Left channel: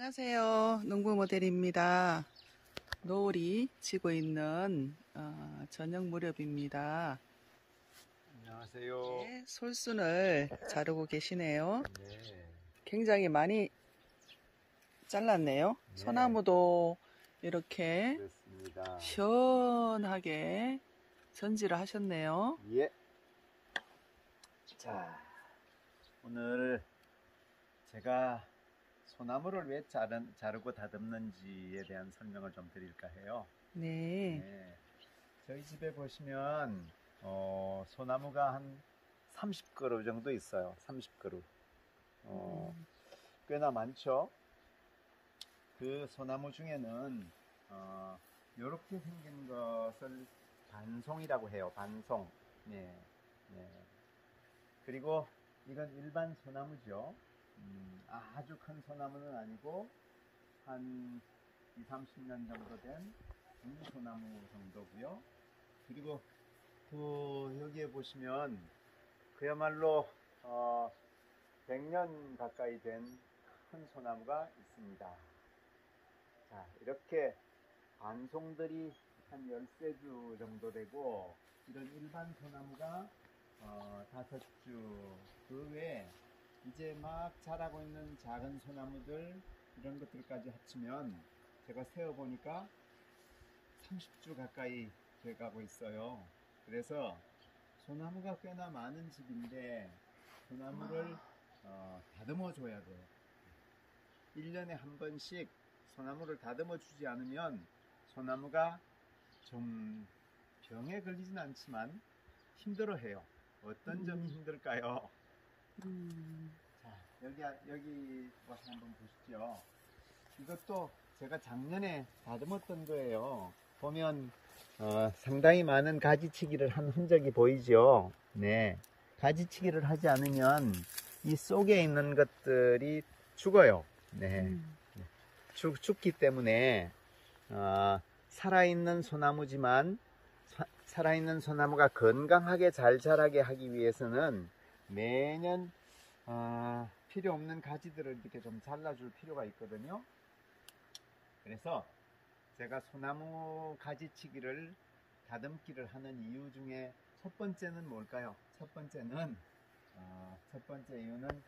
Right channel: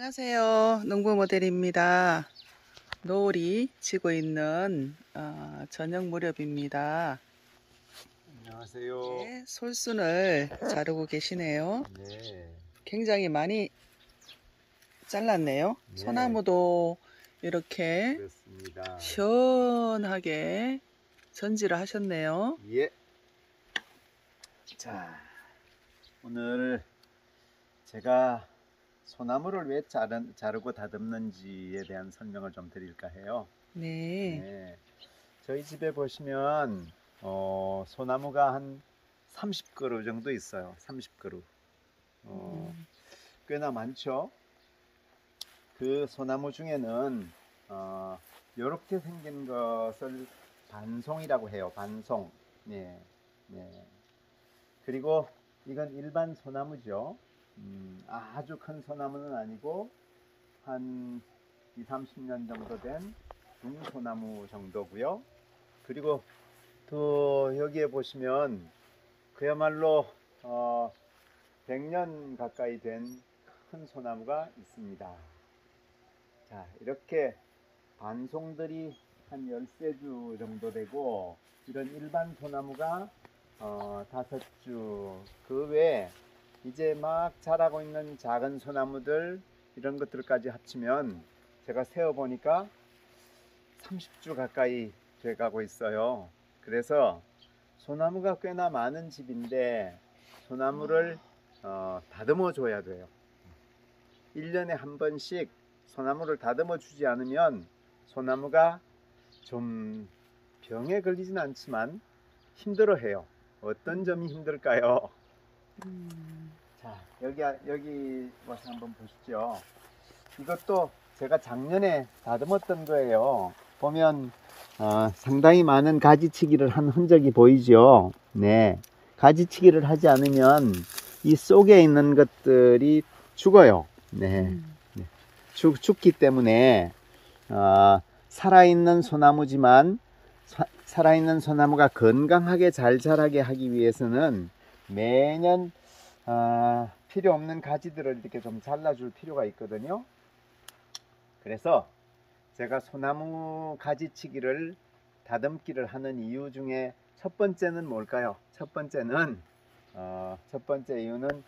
안녕하세요. 농부 모델입니다. 노을이 지고 있는 저녁 무렵입니다. 안녕하세요. 네, 솔순을 자르고 계시네요. 네. 굉장히 많이 잘랐네요. 네. 소나무도 이렇게 그렇습니다. 시원하게 전지를 하셨네요. 예. 자, 오늘 제가 소나무를 왜 자르고 다듬는지에 대한 설명을 좀 드릴까 해요. 네. 네. 저희 집에 보시면 소나무가 한 30그루 정도 있어요. 30그루. 꽤나 많죠. 그 소나무 중에는 이렇게 생긴 것을 반송이라고 해요. 반송. 네. 네. 그리고 이건 일반 소나무죠. 아주 큰 소나무는 아니고 한 20, 30년 정도 된 중소나무 정도고요. 그리고 또 여기에 보시면 그야말로 100년 가까이 된 큰 소나무가 있습니다. 자, 이렇게 반송들이 한 13주 정도 되고, 이런 일반 소나무가 5주, 그 외에 이제 막 자라고 있는 작은 소나무들, 이런 것들까지 합치면 제가 세어보니까 30주 가까이 돼가고 있어요. 그래서 소나무가 꽤나 많은 집인데 소나무를 다듬어 줘야 돼요. 1년에 한 번씩 소나무를 다듬어 주지 않으면 소나무가 좀 병에 걸리진 않지만 힘들어 해요. 어떤 점이 힘들까요? 자, 여기 와서 한번 보시죠. 이것도 제가 작년에 다듬었던 거예요. 보면 상당히 많은 가지치기를 한 흔적이 보이죠. 네, 가지치기를 하지 않으면 이 속에 있는 것들이 죽어요. 네, 죽기 때문에 살아있는 소나무지만 살아있는 소나무가 건강하게 잘 자라게 하기 위해서는 매년 필요 없는 가지들을 이렇게 좀 잘라줄 필요가 있거든요. 그래서 제가 소나무 가지치기를 다듬기를 하는 이유 중에 첫 번째는 뭘까요? 첫 번째 이유는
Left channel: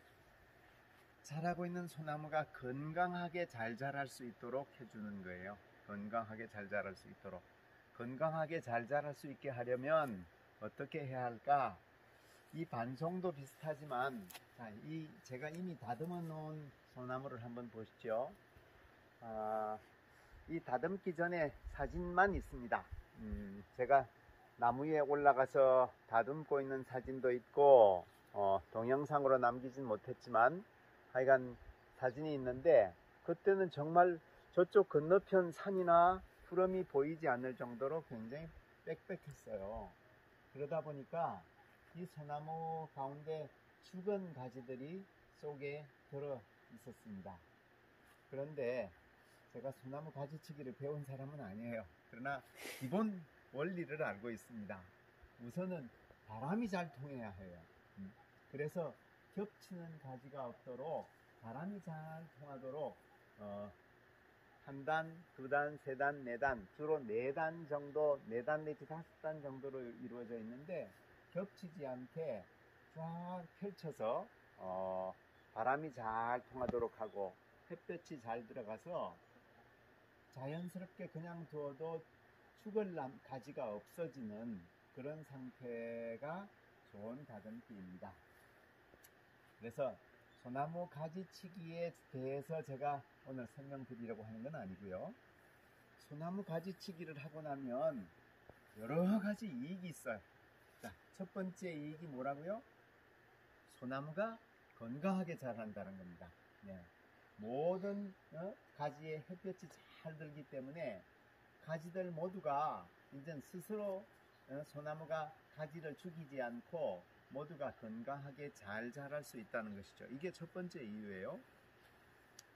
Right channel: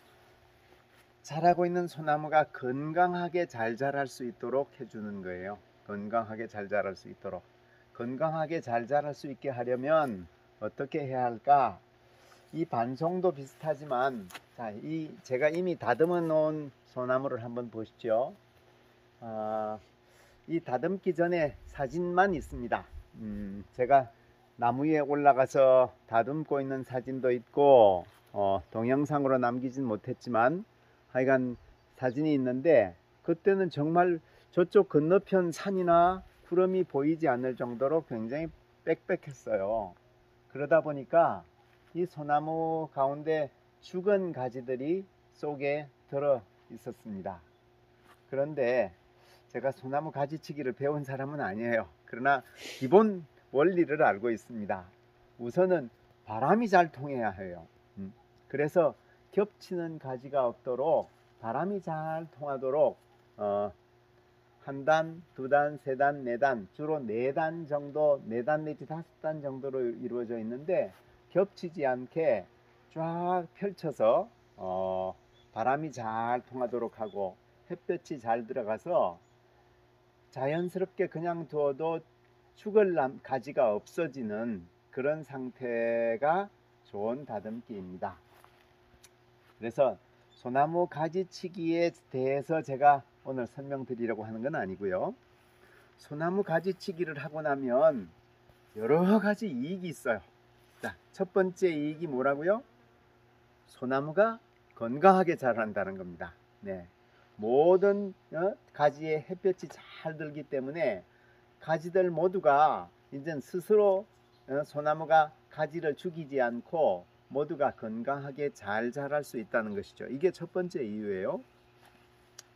자라고 있는 소나무가 건강하게 잘 자랄 수 있도록 해주는 거예요. 건강하게 잘 자랄 수 있도록. 건강하게 잘 자랄 수 있게 하려면 어떻게 해야 할까? 이 반송도 비슷하지만, 자, 제가 이미 다듬어 놓은 소나무를 한번 보시죠. 이 다듬기 전에 사진만 있습니다. 제가 나무 위에 올라가서 다듬고 있는 사진도 있고 동영상으로 남기진 못했지만 하여간 사진이 있는데, 그때는 정말 저쪽 건너편 산이나 구름이 보이지 않을 정도로 굉장히 빽빽했어요. 그러다 보니까 이 소나무 가운데 죽은 가지들이 속에 들어 있었습니다. 그런데 제가 소나무 가지치기를 배운 사람은 아니에요. 그러나 기본 원리를 알고 있습니다. 우선은 바람이 잘 통해야 해요. 그래서 겹치는 가지가 없도록 바람이 잘 통하도록 한 단, 두 단, 세 단, 네 단, 주로 4단 정도, 4단 내지 5단 정도로 이루어져 있는데, 겹치지 않게 쫙 펼쳐서 바람이 잘 통하도록 하고 햇볕이 잘 들어가서 자연스럽게 그냥 두어도 죽을 가지가 없어지는 그런 상태가 좋은 다듬기입니다. 그래서 소나무 가지치기에 대해서 제가 오늘 설명드리려고 하는 건 아니고요. 소나무 가지치기를 하고 나면 여러 가지 이익이 있어요. 자, 첫 번째 이익이 뭐라고요? 소나무가 건강하게 자란다는 겁니다. 네. 모든 가지에 햇볕이 잘 들기 때문에 가지들 모두가 이제 스스로 소나무가 가지를 죽이지 않고 모두가 건강하게 잘 자랄 수 있다는 것이죠. 이게 첫 번째 이유예요.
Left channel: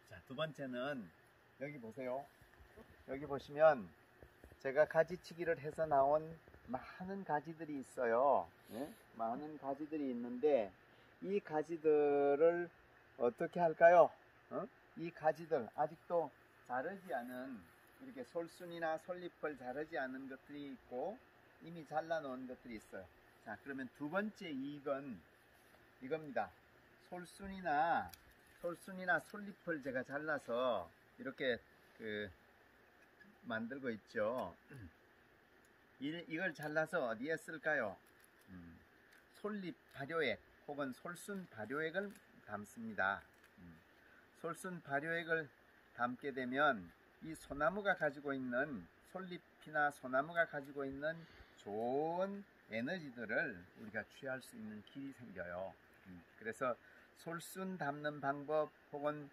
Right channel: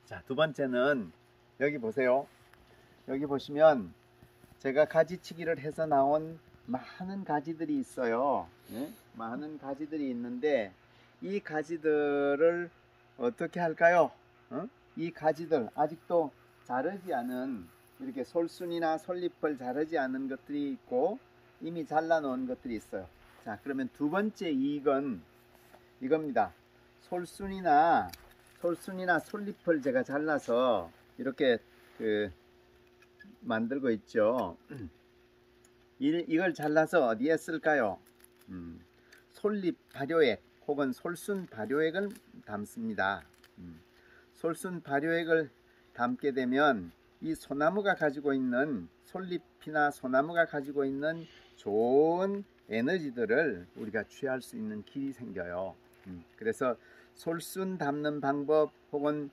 자, 두 번째는 여기 보세요. 여기 보시면 제가 가지치기를 해서 나온 많은 가지들이 있어요. 네? 많은 가지들이 있는데 이 가지들을 어떻게 할까요? 이 가지들 아직도 자르지 않은 이렇게 솔순이나 솔잎을 자르지 않은 것들이 있고 이미 잘라 놓은 것들이 있어요. 자, 그러면 두 번째 이익은 이겁니다. 솔순이나 솔잎을 제가 잘라서 이렇게 만들고 있죠. 이걸 잘라서 어디에 쓸까요? 솔잎 발효액 혹은 솔순 발효액을 담습니다. 솔순 발효액을 담게 되면 이 소나무가 가지고 있는 솔잎이나 소나무가 가지고 있는 좋은 에너지들을 우리가 취할 수 있는 길이 생겨요. 그래서 솔순 담는 방법 혹은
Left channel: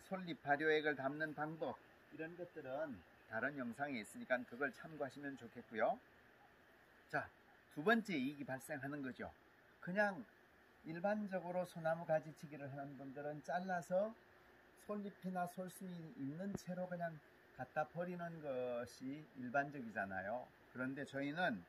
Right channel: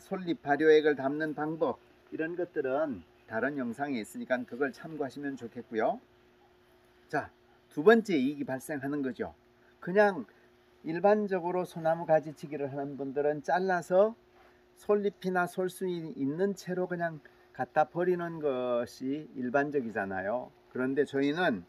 솔잎 발효액을 담는 방법 이런 것들은 다른 영상에 있으니까 그걸 참고하시면 좋겠고요. 자, 두 번째 이익이 발생하는 거죠. 그냥 일반적으로 소나무 가지치기를 하는 분들은 잘라서 솔잎이나 솔순이 있는 채로 그냥 갖다 버리는 것이 일반적이잖아요. 그런데 저희는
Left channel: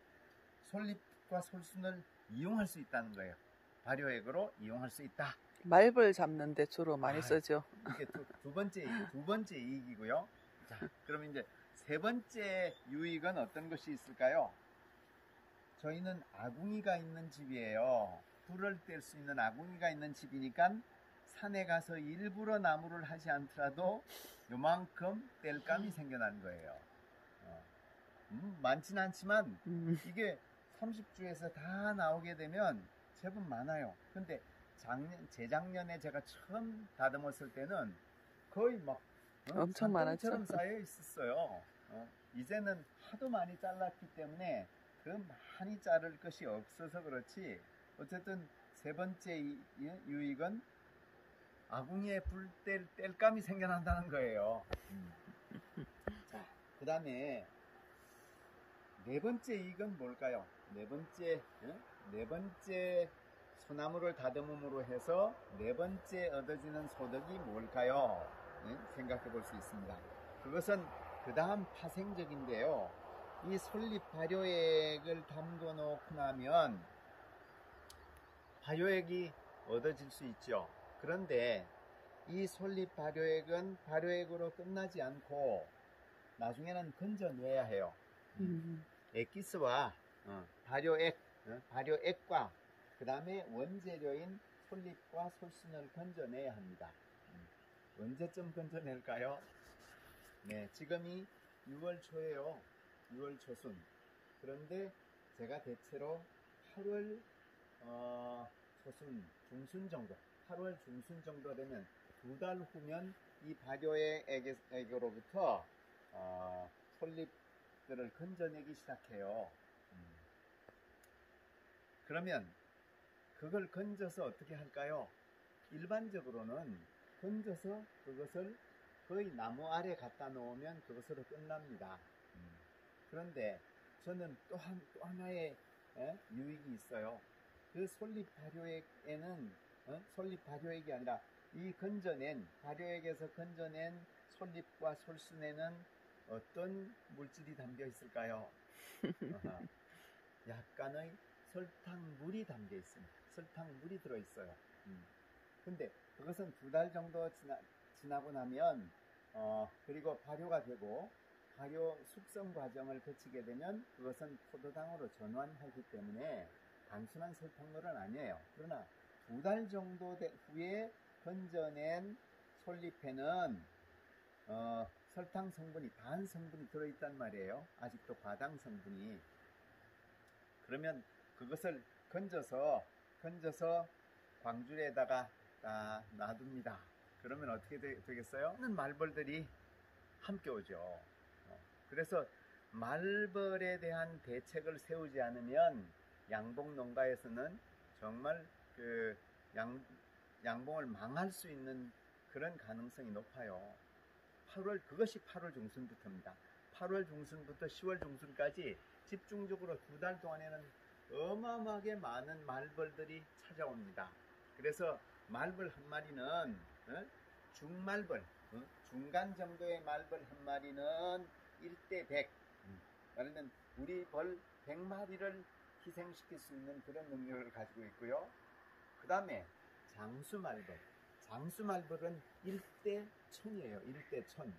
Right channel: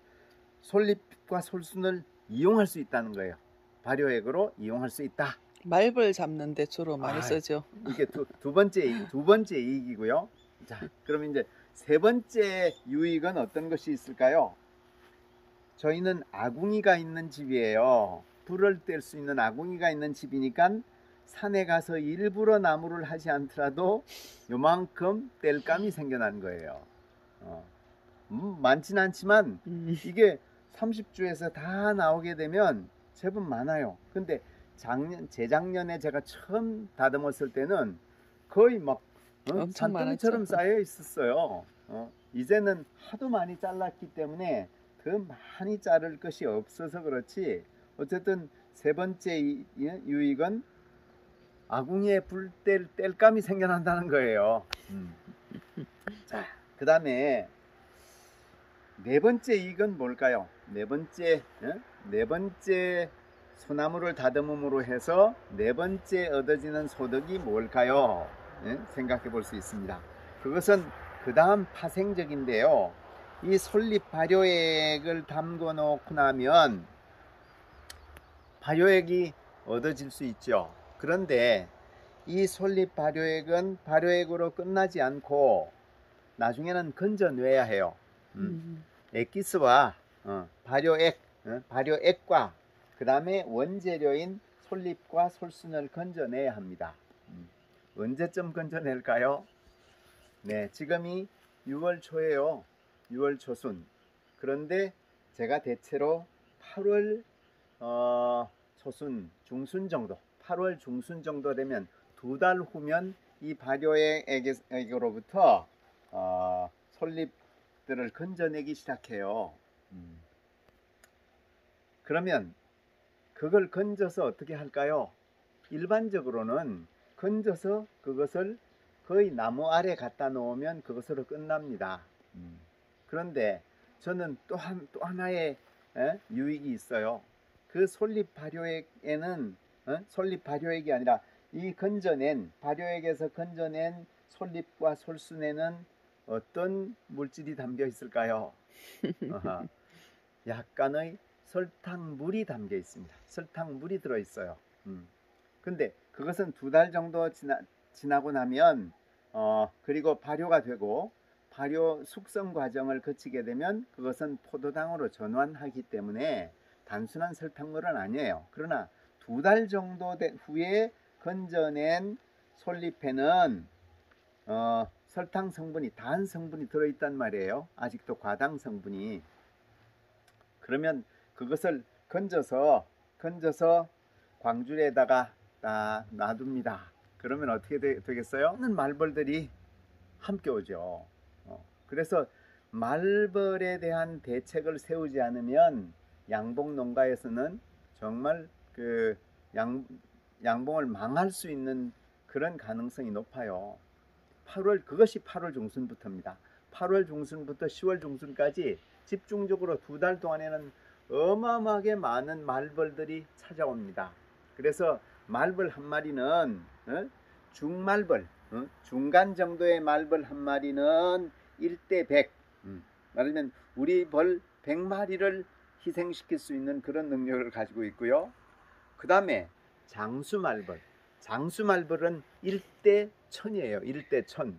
솔잎과 솔순을 이용할 수 있다는 거예요. 발효액으로 이용할 수 있다. 말벌 잡는데 주로 많이 쓰죠. 이게 두 번째 이익이고요. 자, 그럼 이제 세 번째 유익은 어떤 것이 있을까요? 저희는 아궁이가 있는 집이에요. 불을 뗄 수 있는 아궁이가 있는 집이니까 산에 가서 일부러 나무를 하지 않더라도 요만큼 뗄감이 생겨난 거예요. 많진 않지만 이게 30주에서 다 나오게 되면 제법 많아요. 근데 재작년에 제가 처음 다듬었을 때는 거의 막 산더미처럼 쌓여 있었어요. 이제는 하도 많이 잘랐기 때문에 더 많이 자를 것이 없어서 그렇지. 어쨌든 세 번째 유익은 아궁이에 불 뗄감이 생겨난다는 거예요. 자, 그 다음에 네 번째 이익은 뭘까요? 네 번째 소나무를 다듬음으로 해서 네 번째 얻어지는 소득이 뭘까요? 생각해 볼 수 있습니다. 그것은 그 다음 파생적인데요. 이 솔잎 발효액을 담궈 놓고 나면 발효액이 얻어질 수 있죠. 그런데 이 솔잎 발효액은 발효액으로 끝나지 않고 나중에는 건져내야 해요. 액기스와 발효액과 그 다음에 원재료인 솔잎과 솔순을 건져내야 합니다. 언제쯤 건져낼까요? 네, 지금이 6월 초예요. 6월 초순. 그런데 제가 대체로 8월 초순 중순 정도, 8월 중순 정도 되면 2달 후면 이 발효액으로부터 솔잎들을 건져내기 시작해요. 그러면 그걸 건져서 어떻게 할까요? 일반적으로는 건져서 그것을 거의 나무 아래 갖다 놓으면 그것으로 끝납니다. 그런데 저는 또 하나의 유익이 있어요. 그 솔잎 발효액에는 솔잎 발효액이 아니라 이 발효액에서 건져낸 솔잎과 솔순에는 어떤 물질이 담겨 있을까요? 약간의 설탕물이 담겨 있습니다. 설탕물이 들어 있어요. 근데 그것은 2달 정도 지나고 나면 그리고 발효가 되고 발효 숙성 과정을 거치게 되면 그것은 포도당으로 전환하기 때문에 단순한 설탕물은 아니에요. 그러나 2달 정도 후에 건져낸 솔잎에는 설탕 성분이, 단 성분이 들어있단 말이에요. 아직도 과당 성분이. 그러면 그것을 건져서 광줄에다가 딱 놔둡니다. 그러면 어떻게 되겠어요? 많은 말벌들이 함께 오죠. 그래서 말벌에 대한 대책을 세우지 않으면 양봉 농가에서는 정말 양봉을 망할 수 있는 그런 가능성이 높아요. 그것이 8월 중순부터입니다. 8월 중순부터 10월 중순까지 집중적으로 2달 동안에는 어마어마하게 많은 말벌들이 찾아옵니다. 그래서 말벌 한 마리는 중말벌, 중간 정도의 말벌 한 마리는 1대 100, 말하면 우리 벌 100마리를 희생시킬 수 있는 그런 능력을 가지고 있고요. 그 다음에 장수말벌 장수 말벌은 1대 1000이에요. 1대 1000.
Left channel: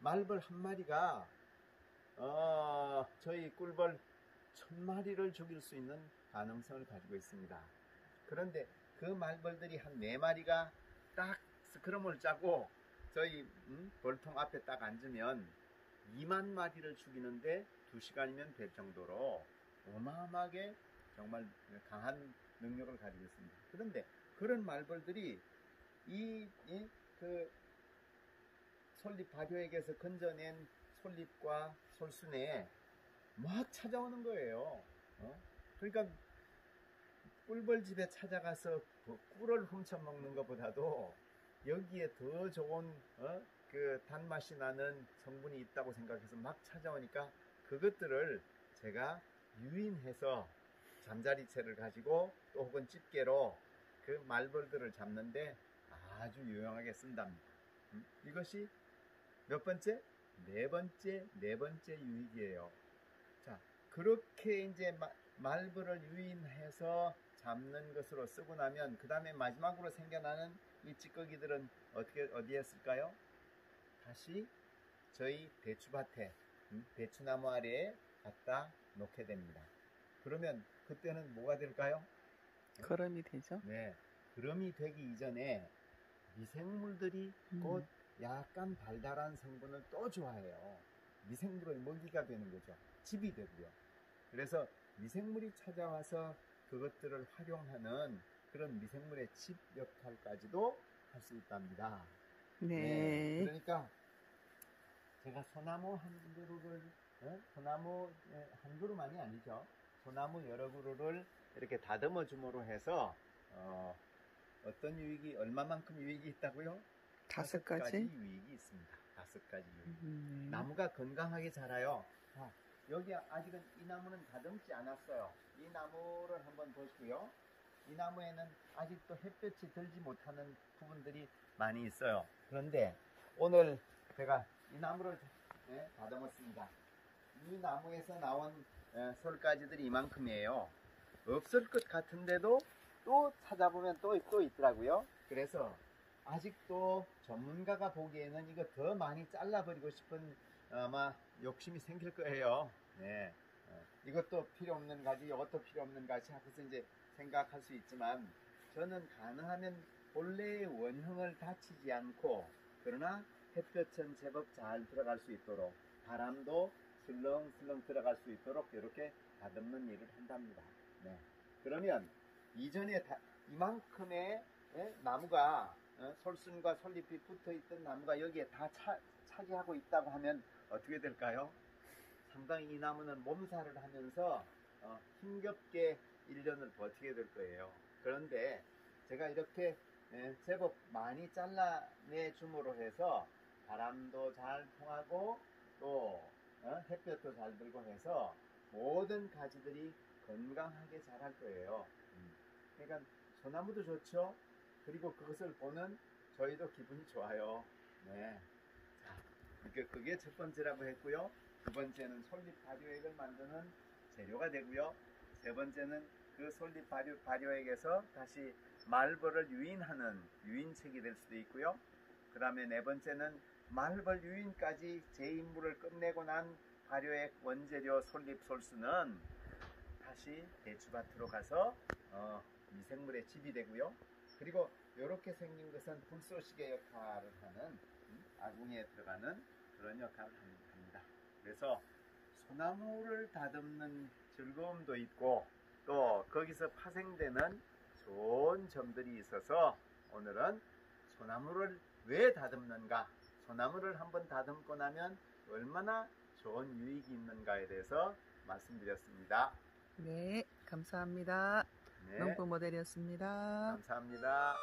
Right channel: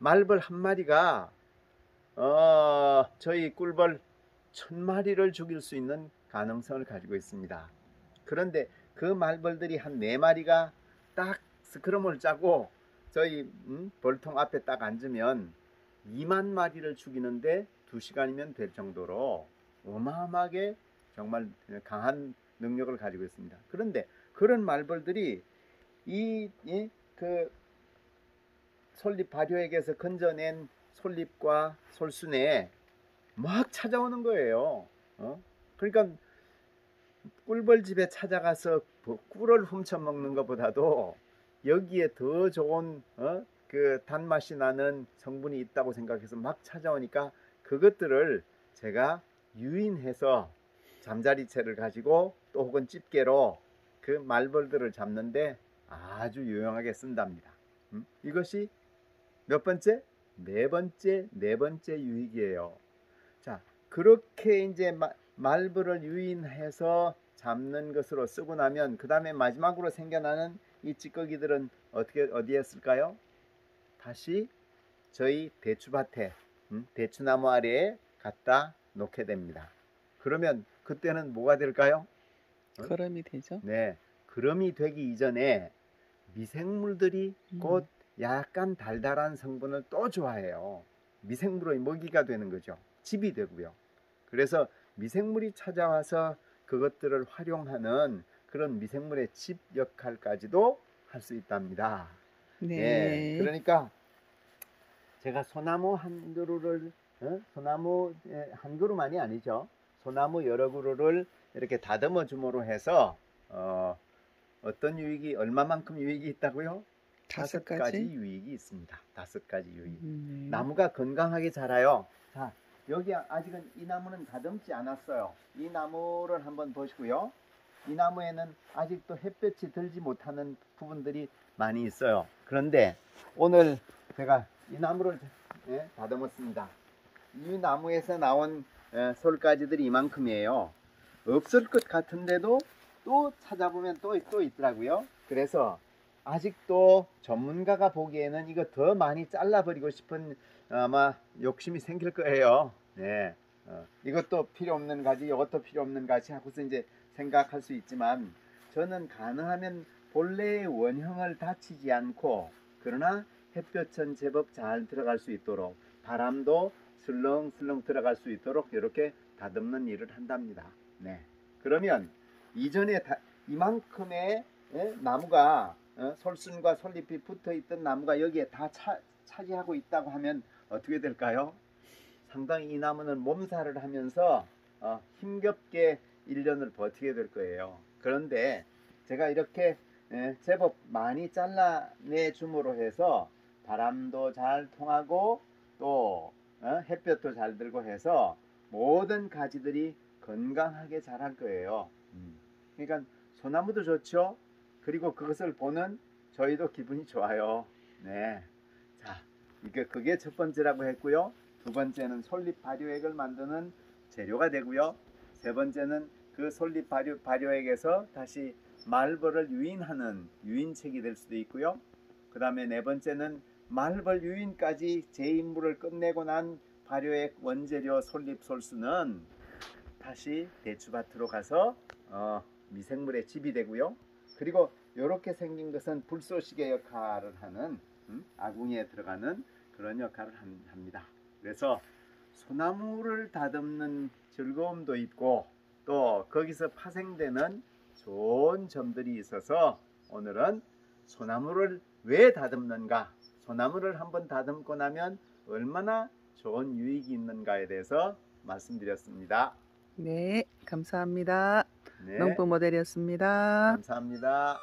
말벌 한 마리가 저희 꿀벌 1000마리를 죽일 수 있는 가능성을 가지고 있습니다. 그런데 그 말벌들이 한 4마리가 딱 스크럼을 짜고 저희 벌통 앞에 딱 앉으면 2만 마리를 죽이는데 2시간이면 될 정도로 어마어마하게 정말 강한 능력을 가지고 있습니다. 그런데 그런 말벌들이 그 솔잎 발효액에서 건져낸 솔잎과 솔순에 막 찾아오는 거예요. 그러니까 꿀벌 집에 찾아가서 꿀을 훔쳐 먹는 것보다도 여기에 더 좋은 그 단맛이 나는 성분이 있다고 생각해서 막 찾아오니까 그것들을 제가 유인해서 잠자리채를 가지고 또 혹은 집게로 그 말벌들을 잡는데 아주 유용하게 쓴답니다. 이것이 몇 번째? 네 번째 유익이에요. 자, 그렇게 이제 말벌을 유인해서 잡는 것으로 쓰고 나면 그 다음에 마지막으로 생겨나는 이 찌꺼기들은 어디에 쓸까요? 다시 저희 대추밭에 대추나무 아래에 갖다 놓게 됩니다. 그러면 그때는 뭐가 될까요? 그럼이 되죠. 네, 그럼이 되기 이전에 미생물들이 곧 약간 달달한 성분을 또 좋아해요. 미생물의 먹이가 되는 거죠. 집이 되고요. 그래서 미생물이 찾아와서 그것들을 활용하는 그런 미생물의 집 역할까지도 할 수 있답니다. 네. 그러니까 제가 소나무 한 그루를 소나무 한 그루만이 아니죠. 소나무 여러 그루를 이렇게 다듬어 줌으로 해서 어떤 유익이 얼마만큼 유익이 있다고요? 5가지 유익이 있습니다. 5가지 유익. 나무가 건강하게 자라요. 자, 여기 아직은 이 나무는 다듬지 않았어요. 이 나무를 한번 보시고요. 이 나무에는 아직도 햇볕이 들지 못하는 부분들이 많이 있어요. 그런데 오늘 제가 이 나무를 다듬었습니다. 이 나무에서 나온 솔가지들이 이만큼이에요. 없을 것 같은데도 또 찾아보면 또 있더라고요. 그래서 아직도 전문가가 보기에는 이거 더 많이 잘라버리고 싶은 아마 욕심이 생길 거예요. 네. 이것도 필요 없는 가지, 이것도 필요 없는 가지 하고서 이제 생각할 수 있지만 저는 가능하면 본래의 원형을 다치지 않고 그러나 햇볕은 제법 잘 들어갈 수 있도록 바람도 슬렁슬렁 들어갈 수 있도록 이렇게 다듬는 일을 한답니다. 네. 그러면 이전에 이만큼의 나무가 솔순과 솔잎이 붙어 있던 나무가 여기에 다 차지하고 있다고 하면 어떻게 될까요? 상당히 이 나무는 몸살을 하면서 힘겹게 1년을 버티게 될 거예요. 그런데 제가 이렇게 제법 많이 잘라내 줌으로 해서 바람도 잘 통하고 또 햇볕도 잘 들고 해서 모든 가지들이 건강하게 자랄 거예요. 그러니까 소나무도 좋죠. 그리고 그것을 보는 저희도 기분이 좋아요. 네. 자, 그게 첫 번째라고 했고요. 두 번째는 솔잎 발효액을 만드는 재료가 되고요. 세 번째는 그 솔잎 발효액에서 다시 말벌을 유인하는 유인책이 될 수도 있고요. 그 다음에 네 번째는 말벌 유인까지 제 임무를 끝내고 난 발효액 원재료 솔잎 솔수는 다시 대추밭으로 가서 미생물의 집이 되고요. 그리고 이렇게 생긴 것은 불쏘시개 역할을 하는 아궁이에 들어가는 그런 역할을 합니다. 그래서 소나무를 다듬는 즐거움도 있고 또 거기서 파생되는 좋은 점들이 있어서 오늘은 소나무를 왜 다듬는가, 소나무를 한번 다듬고 나면 얼마나 좋은 유익이 있는가에 대해서 말씀드렸습니다. 네, 감사합니다. 네, 농부 모델이었습니다. 감사합니다.